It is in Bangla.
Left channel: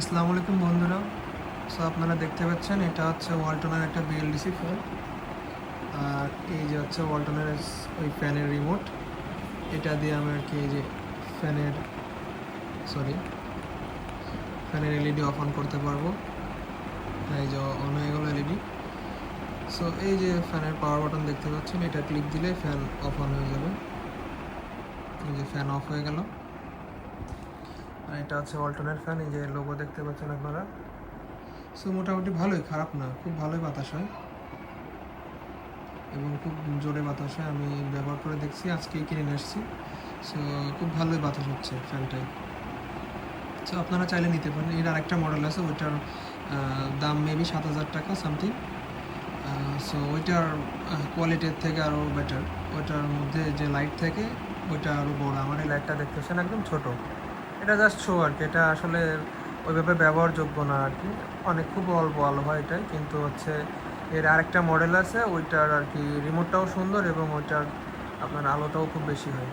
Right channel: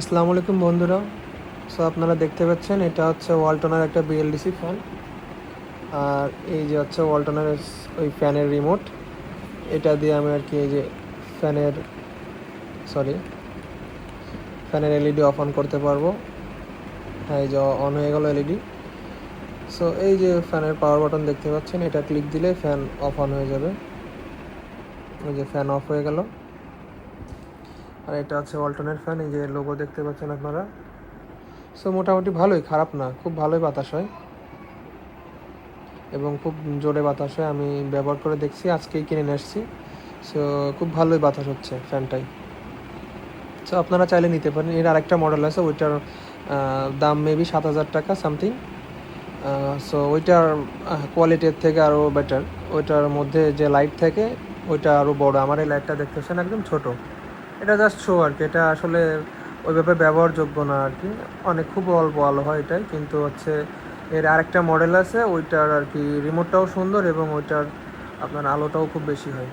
আসসালামু আলাইকুম বন্ধুরা। সো আপনারা দেখতে পাচ্ছেন এটা হচ্ছে ওয়ালটনের একটা বিএলডিসি ফ্যান। আর এই যে হচ্ছে ওয়ালটনের ওই ফ্যানের রিমোট। এটা দিয়ে আমি আর কি এই যে ফ্যানের সরি ফ্যানের এলইডি অফ অন করতে পারবো। হ্যাঁ, এই যে অন হয়ে গেল এলইডি। সো এই যে ফ্যানের পাওয়ার বাটন দেখতে পাচ্ছেন, এটা ক্লিক দিলে ফ্যান অফ অন হয়ে যাবে। এই যে ফ্যান অফ হয়ে গেল। আর এটা হচ্ছে ওয়ালটনের ফ্যান, এই যে লোগো দেখতে পাচ্ছেন আপনারা। সো মোটামুটি ভালোই, খারাপ না, খুব ভালোই বাতাস হয় এবং খুব জোরে বাতাস হয়। আমি ব্যবহার করে দেখছি, আজকেই কিনে নিয়ে আসছি। সো খুব ভালোই বাতাস হচ্ছে ফ্যানটাই। সো আপনারা চাইলে নিতে পারেন। এর আরেকটা মডেল আছে, ওইটার দাম মেবি 7,000 টাকা সামথিং। সো ওইটার কোয়ালিটির থেকে আরও বেটার। ওইটার মধ্যে যে লাইট থাকে ওইটা আরও বড়। আমার এই লাইটটা দেখতেছেন একদম ছোট। এটা জাস্ট শো আর কি, এটা আসলে ওইভাবে ব্যবহারযোগ্য না আর কি। অনেক খুব অল্প আলো হয় এটাই, কিন্তু হচ্ছে এর আরেকটা মডেল আছে, ওইটার আর কি রিমোটটাও সুন্দর এবং ওইটার আপনার আলোটাও খুব বেশি হয়।